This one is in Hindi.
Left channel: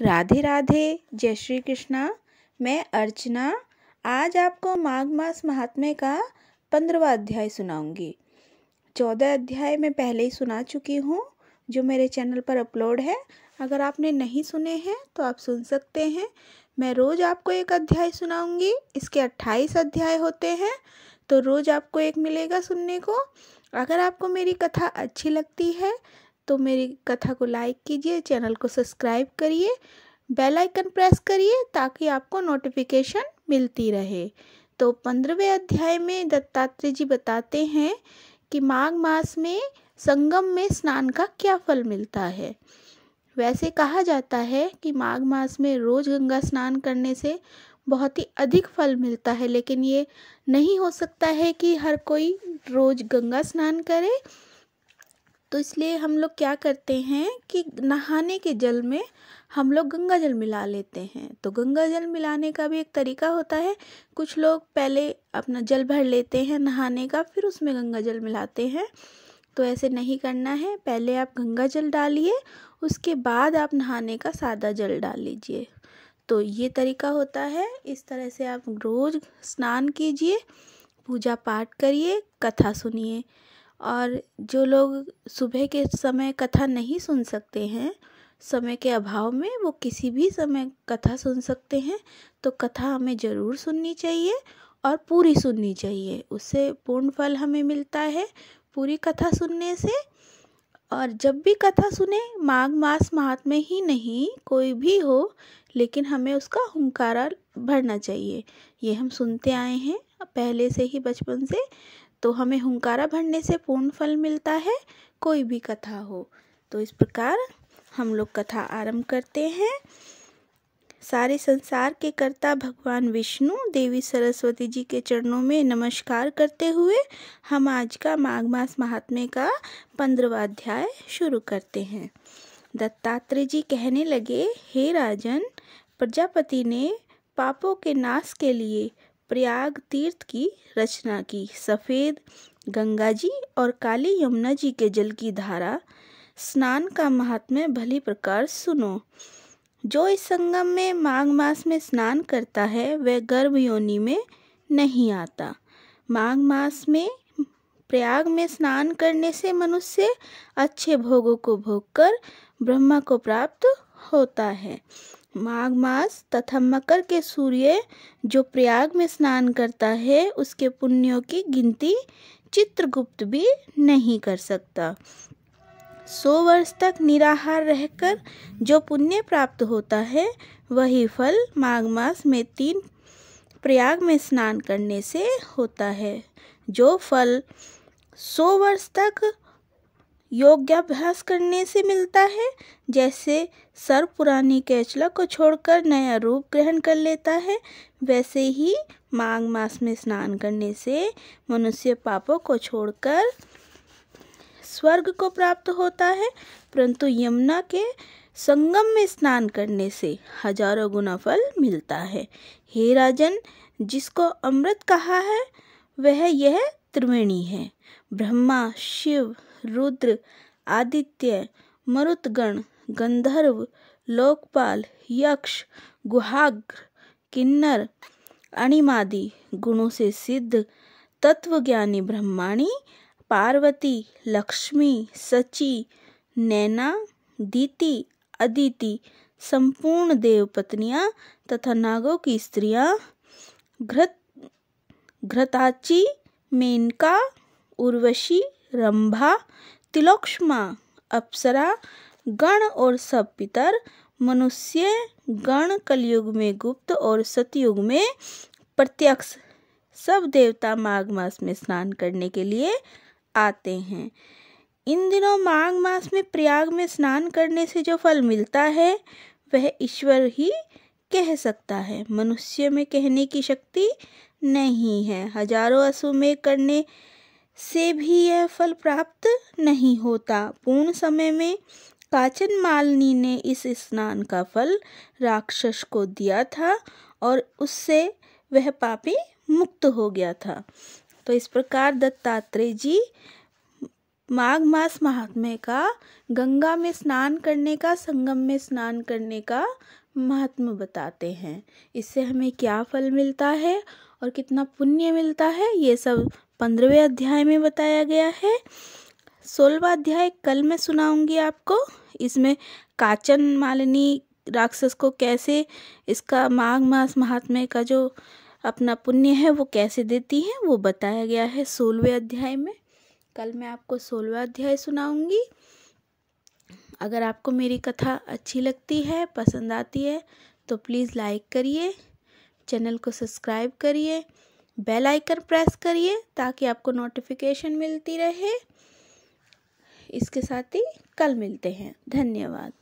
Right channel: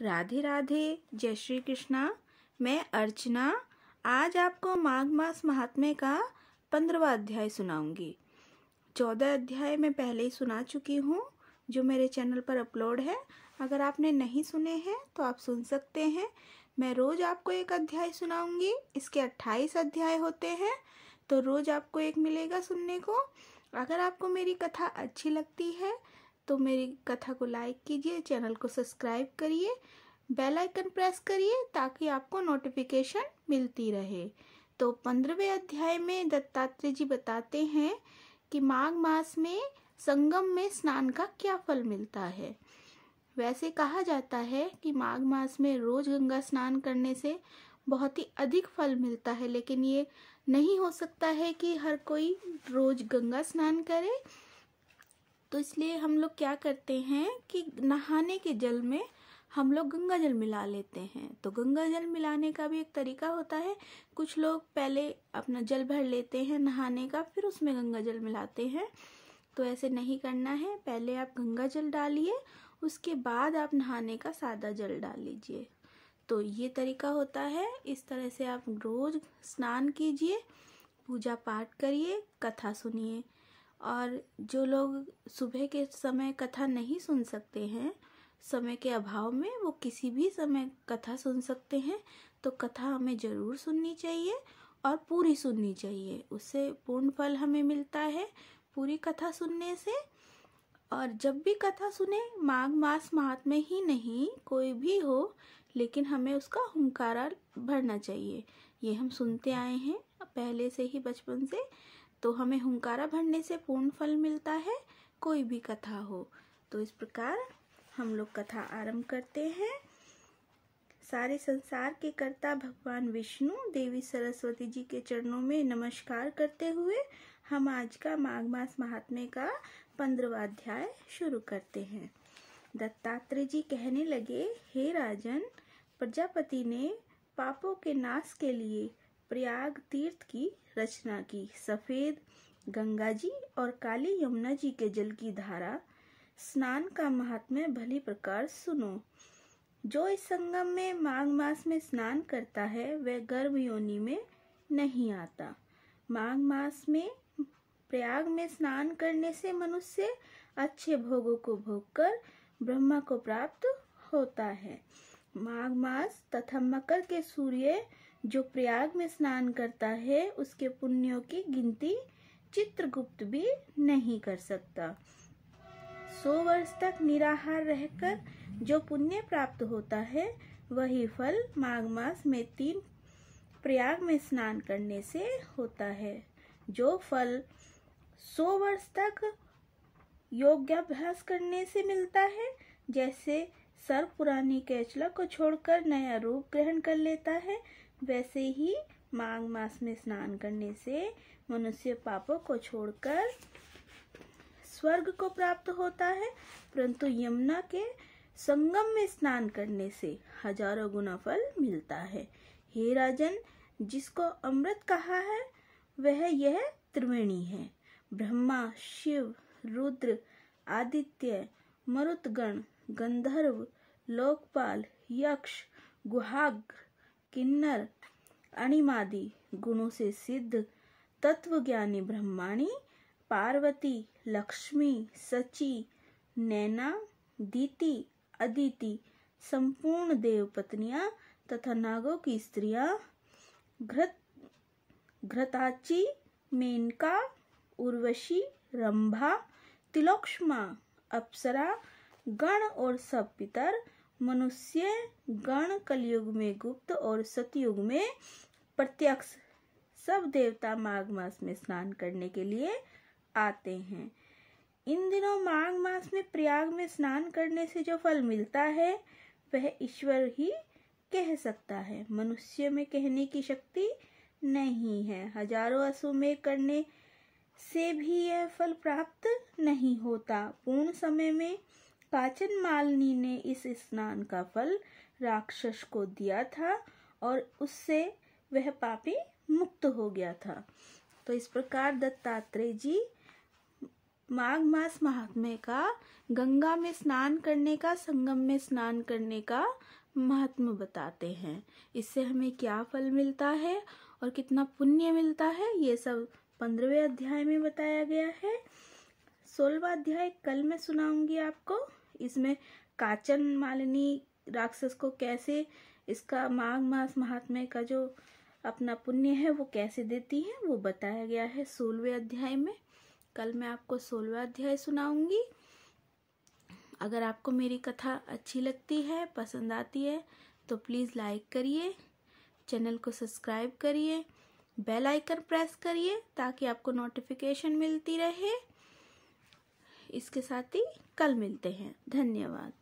राधे राधे, जय श्री कृष्णा। मैं अर्चना आज आपको माघ मास महात्म्य का 15वां अध्याय सुनाऊंगी। 14 अध्याय मैं पहले ही सुना चुकी हूँ जो मेरे चैनल पर अपलोड है। अगर आपने नहीं सुने हैं तो आप सुन सकते हैं। मैं रोज आपको एक अध्याय सुनाऊंगी। इसके 28 अध्याय होते हैं, तो रोज आपको एक मिलेगा सुनने को। अगर आपको मेरी कथा अच्छी लगती है तो मेरी कथा को लाइक कीजिए, चैनल को सब्सक्राइब करिए, बेल आइकन प्रेस करिए ताकि आपको नोटिफिकेशन मिलती रहे। तो 15वें अध्याय में दत्तात्रेय जी बताते हैं कि माघ मास में संगम में स्नान का क्या फल मिलता है। वैसे कहा जाता है कि माघ मास में रोज गंगा स्नान करने से बहुत ही अधिक फल मिलता है, लेकिन ये नहीं हो सकता है कि हर कोई रोज गंगा स्नान करे। तो इसलिए हम लोग क्या करते हैं कि नहाने के जल में हम लोग गंगा जल मिला लेते हैं। तो गंगा जल मिलाने का भी एक तरीका होता है। कुछ लोग पहले अपना जल भर लेते हैं नहाने का, फिर उसमें गंगा जल मिलाते हैं। तो ऐसे नहीं करना है। पहले आप गंगा जल डालिए, उसके बाद आप नहाने का सादा जल डाल लीजिए। तो ये तरीका होता है। इस तरह से आप रोज़ स्नान कीजिए, पूजा पाठ करिए, कथा सुनिए। और जो लोग सुबह के समय कथा नहीं सुन सकते हैं, समय के अभाव में, वो किसी भी समय कथा सुन सकते हैं। तो कथा हमें ज़रूर सुननी चाहिए और पूरी सुननी चाहिए। उससे पूर्ण फल हमें मिलता है पूरी कथा सुनने से। और जब भी कथा सुने, माघ मास महात्म्य ही नहीं, कोई भी हो, लेकिन हमें उसका हुंकारा भरना चाहिए। ये हम सुनते आए हैं पहले से ही, बचपन से। तो हमें हुंकारा भरने से पूर्ण फल मिलता है, कोई भी कथा हो। तो इस प्रकार हम लोग कथा आरंभ करते हैं। सारे संसार के कर्ता भगवान विष्णु, देवी सरस्वती जी के चरणों में नमस्कार करते हुए हम आज का माघ मास महात्म्य का 15वां अध्याय शुरू करते हैं। दत्तात्रेय जी कहने लगे, हे राजन, प्रजापति ने पापों के नाश के लिए प्रयाग तीर्थ की रचना की। सफ़ेद गंगा जी और काली यमुना जी के जल की धारा स्नान का महात्म्य भली प्रकार सुनो। जो इस संगम में माघ मास में स्नान करता है वह गर्भ योनि में नहीं आता। माघ मास में प्रयाग में स्नान करने से मनुष्य अच्छे भोगों को भोगकर ब्रह्मा को प्राप्त होता है। माघ मास तथा मकर के सूर्य जो प्रयाग में स्नान करता है, उसके पुण्यों की गिनती चित्रगुप्त भी नहीं कर सकता। 100 वर्ष तक निराहार रहकर जो पुण्य प्राप्त होता है, वही फल माघ मास में 3 प्रयाग में स्नान करने से होता है। जो फल 100 वर्ष तक योगाभ्यास करने से मिलता है, जैसे सर्प पुरानी कैचला को छोड़कर नया रूप ग्रहण कर लेता है, वैसे ही माघ मास में स्नान करने से मनुष्य पापों को छोड़कर स्वर्ग को प्राप्त होता है। परंतु यमुना के संगम में स्नान करने से हजारों गुना फल मिलता है। हे राजन, जिसको अमृत कहा है वह यह त्रिवेणी है। ब्रह्मा, शिव, रुद्र, आदित्य, मरुतगण, गंधर्व, लोकपाल, यक्ष, गुहाग्र, किन्नर, अणिमादि गुणों से सिद्ध तत्वज्ञानी ब्रह्माणी, पार्वती, लक्ष्मी, सची, नैना, दीति, अदिति, संपूर्ण देव पत्नियां तथा नागों की स्त्रियां, घृताची, मेनका, उर्वशी, रंभा, तिलोत्तमा, अप्सरा गण और सब पितर, मनुष्य गण कलयुग में गुप्त और सतयुग में प्रत्यक्ष, सब देवता माघ मास में स्नान करने के लिए आते हैं। इन दिनों माघ मास में प्रयाग में स्नान करने से जो फल मिलता है वह ईश्वर ही कह सकता है। मनुष्य में कहने की शक्ति नहीं है। हजारों अश्वमेध करने से भी यह फल प्राप्त नहीं होता। पूर्ण समय में काचन मालिनी ने इस स्नान का फल राक्षस को दिया था और उससे वह पापी मुक्त हो गया था। तो इस प्रकार दत्तात्रेय जी माघ मास महात्म्य का गंगा में स्नान करने का, संगम में स्नान करने का महत्व बताते हैं। इससे हमें क्या फल मिलता है और कितना पुण्य मिलता है, ये सब 15वें अध्याय में बताया गया है। 16वां अध्याय कल मैं सुनाऊंगी आपको। इसमें काचन मालिनी राक्षस को कैसे इसका माघ मास महात्म्य का जो अपना पुण्य है वो कैसे देती है वो बताया गया है 16वें अध्याय में। कल मैं आपको 16वां अध्याय सुनाऊंगी। अगर आपको मेरी कथा अच्छी लगती है, पसंद आती है, तो प्लीज़ लाइक करिए, चैनल को सब्सक्राइब करिए, बेल आइकन प्रेस करिए ताकि आपको नोटिफिकेशन मिलती रहे। इसके साथ ही कल मिलते हैं। धन्यवाद।